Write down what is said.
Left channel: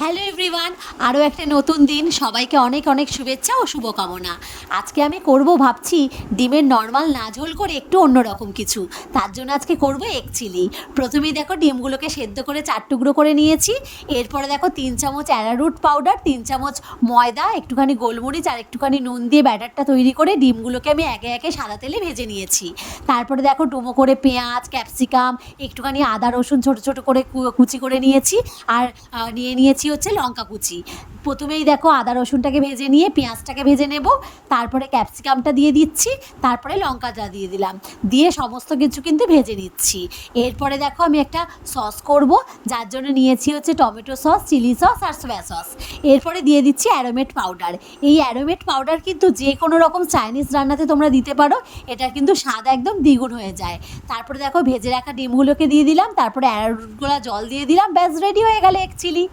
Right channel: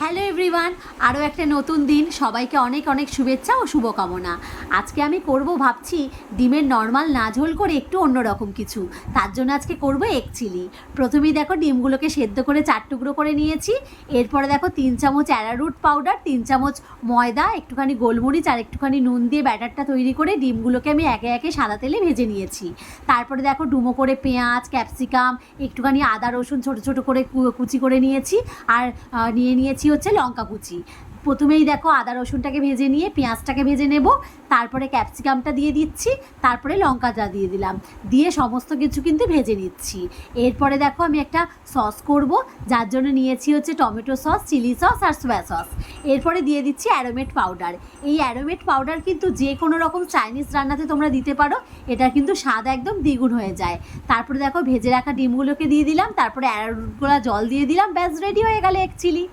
Hello everyone, আরও একটা নতুন দিন, সবাইকে অনেক অনেক শুভেচ্ছা ও শুভকামনা। আজকে আমি করব ভাবছি ডিমের নর্মাল না ঝোল করে একটু অন্যরকম কিছু। তার জন্য আজকে করব এগ চিলি। প্রথমেই দেখো ডিমগুলোকে সেদ্ধ করে 4 টুকরো করে নিয়েছি। এরপরে দেখো 3 চামচ অ্যারারুট পাউডার, 3 চামচ ময়দা, একটুখানি গোলমরিচ আর একটুখানি নুন দিয়ে ব্যাটারটা তৈরি করে ডিমগুলোকে আমি একে একে সাদা তেলে ভেজে নিয়েছি। তারপরে দেখো ডুমো করে পেঁয়াজ, ক্যাপসিকাম, একটুখানি আদা রসুন ছোটো ছোটো করে কুচি করে নিয়েছি। আর নিয়েছি হচ্ছে লঙ্কা কুচি। প্রথমেই দেখো আদা রসুনটাকে ভেজে নিয়ে পেঁয়াজটাকে ভেজে নেব, তারপরে ক্যাপসিকামটা দিয়ে দিচ্ছি, তারপরে লঙ্কাটা দিয়ে দিলাম, দিয়ে সমস্ত কিছু কিন্তু ভেজে নিচ্ছি। এরপরে দেখো আমি একটা সস করব, যার জন্য নিয়েছি হচ্ছে টমেটো সস, চিলি সস আর সোয়া সস। এরপরে দিয়ে দিচ্ছি অ্যারোমেট পাউডার। এই অ্যারোমেট পাউডার কিন্তু যে কোনো রকম চাইনিজ রান্নাতে তোমরা দিতে পারো, এটা কিন্তু স্বাদ একদম দ্বিগুণ হয়ে যায়। তারপরে দেখো ভেজে রাখা ডিমগুলোকে দিয়ে দিলাম, তারপরে অ্যারোটগুলো জল দিয়ে দিলাম, ব্যাস রেডি হয়ে গেল এগ চিলি।